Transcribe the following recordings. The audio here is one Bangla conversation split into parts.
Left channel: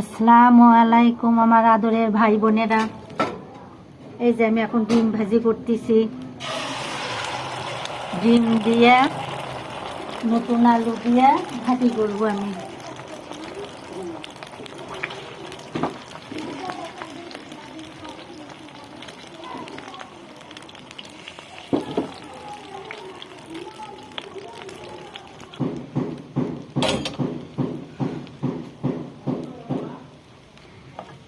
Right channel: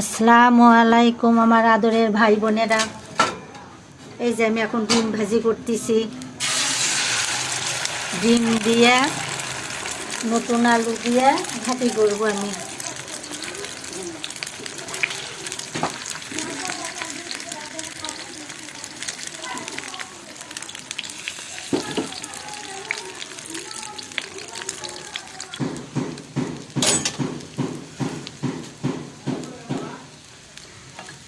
আসসালামু আলাইকুম আমার আদরের ভাই বোনেরা। এই যে আমি এখন ডিম ভাজি করতেছি। ডিম দিয়ে নতুন আলু দিয়ে ভাজি করব আমি।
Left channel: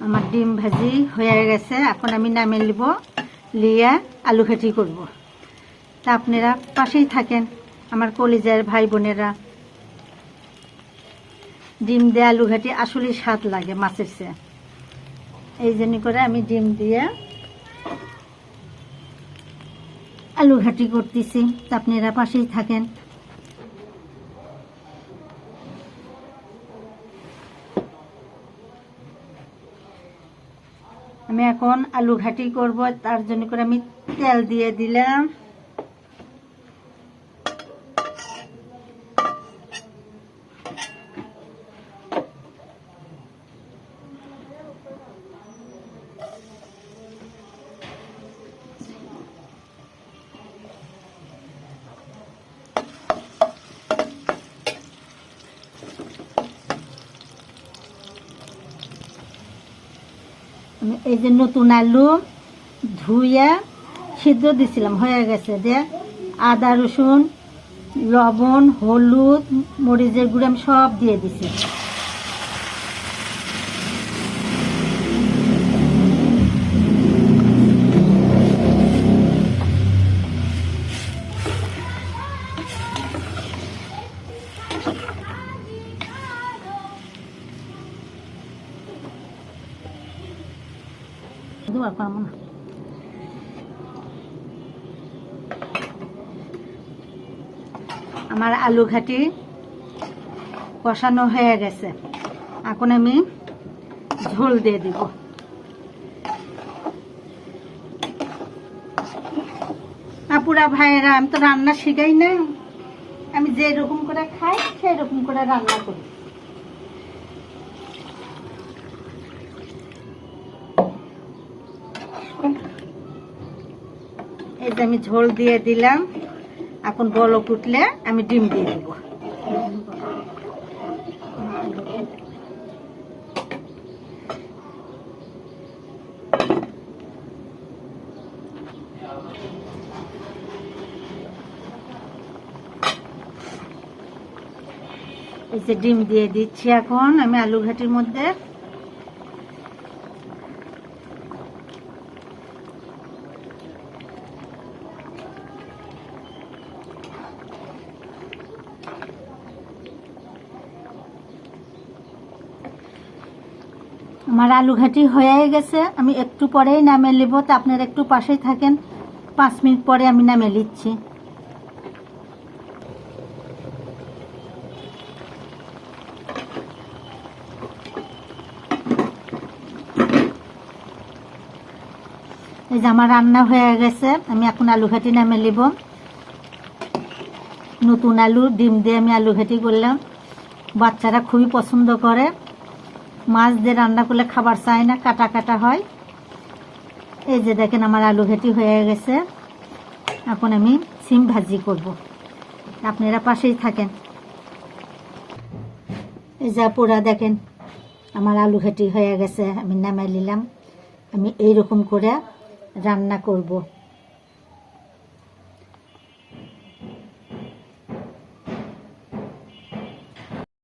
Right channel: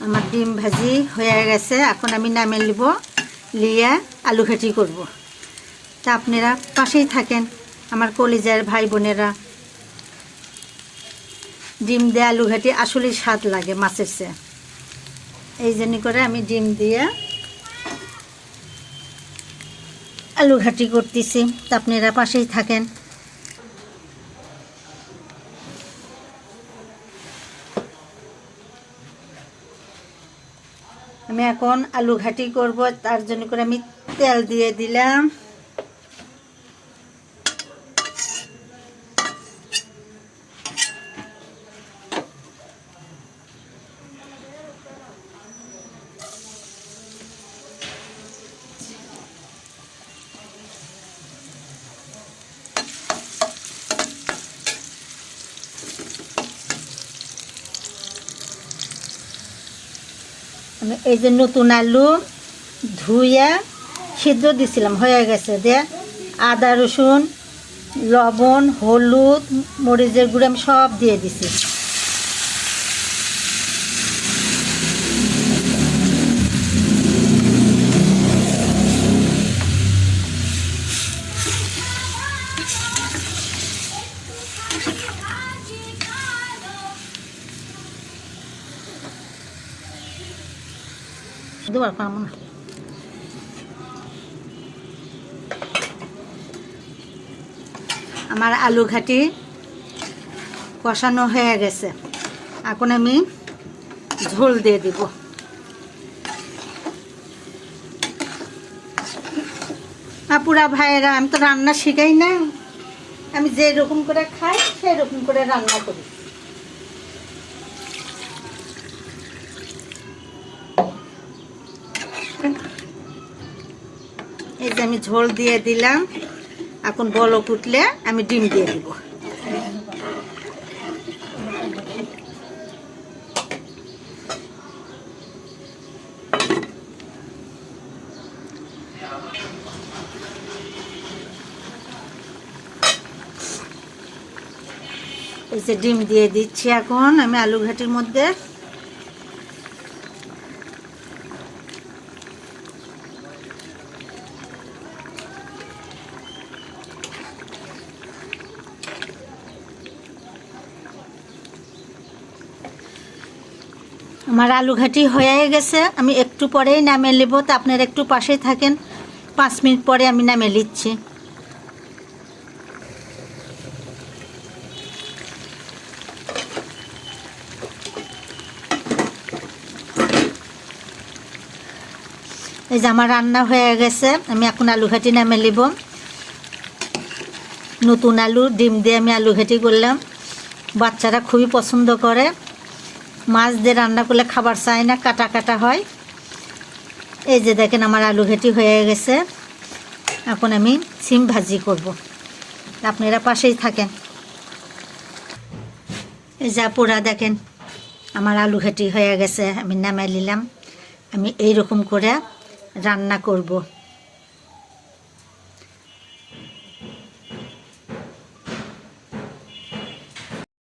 আমার ডিম ভাজি হয়ে গেছে। এখন আমি নামে নিব লিয়ে আলু ঘাটি করব। তা আপনারা পাশেই থাকেন, আমার কলিজার ভাই বোনেরা ডিম দিয়ে আলু ঘাটি আসলে স্বাদ লাগে মাছের চেয়ে। এই জন্য করে আমি ডিম দিয়ে আলু ঘাটি করতেছি। তা আপনারা পাশেই থাকেন। আমি এখন আলু ঘাটি করব তার জন্য করে আমি তেল দিয়ে দিলাম। এই যে নতুন আলু ধুয়ে সিদ্ধ দিছিলাম, হয়ে গেছে দিয়ে আদা, রসুন, লবণ, হলুদ, মরিচের গুঁড়ো আমি সব দিয়ে দিছি। আমার আলু ঘাটি কষানো হয়ে গেছে। এখন আমি ঝোল দিয়ে দিব। আপুরা, ভাইয়েরা, আমি তো রান্না শিখাই না। আমি যে রকম করে খাই সেই রকম করে রান্না করি। আমি ঝোল দিয়ে দিলাম। এখন বলক ফুটলে আমি ডিম দিয়ে দিব। ডিম দিয়ে দিচ্ছি এখন। আমি আলু ঘাটির মধ্যে আমার আলু ঘাটি হয়ে গেছে। আমি একটু পরেই নামে নেব। তো আপনারা একটু পাশেই থাকেন। পাঁচ মিনিট পরে আমি নামে নিচ্ছি। এই যে আমার রান্না হয়ে গেছে। আমি এখন আলু ঘাটি নামে নিব। নতুন আলু, ডিম দিয়ে আমি আলু ঘাটি করলাম। বাচ্চারা খুবই পছন্দ করে। মাছ দিয়ে রান্না করলে খাবার চায় না, কাটা কাটা হয়। এই যে দেখেন আমার আলু ঘেটি হয়ে গেছে। এখন আমি সিম ভাজি করব। আপনারা পাশেই থাকেন। এই যা পোড়া দেখেন, আমার আলু ঘেটি হয়ে গেছে, আমি নামাই নিলাম। আমি এই রকম করে রান্না করব।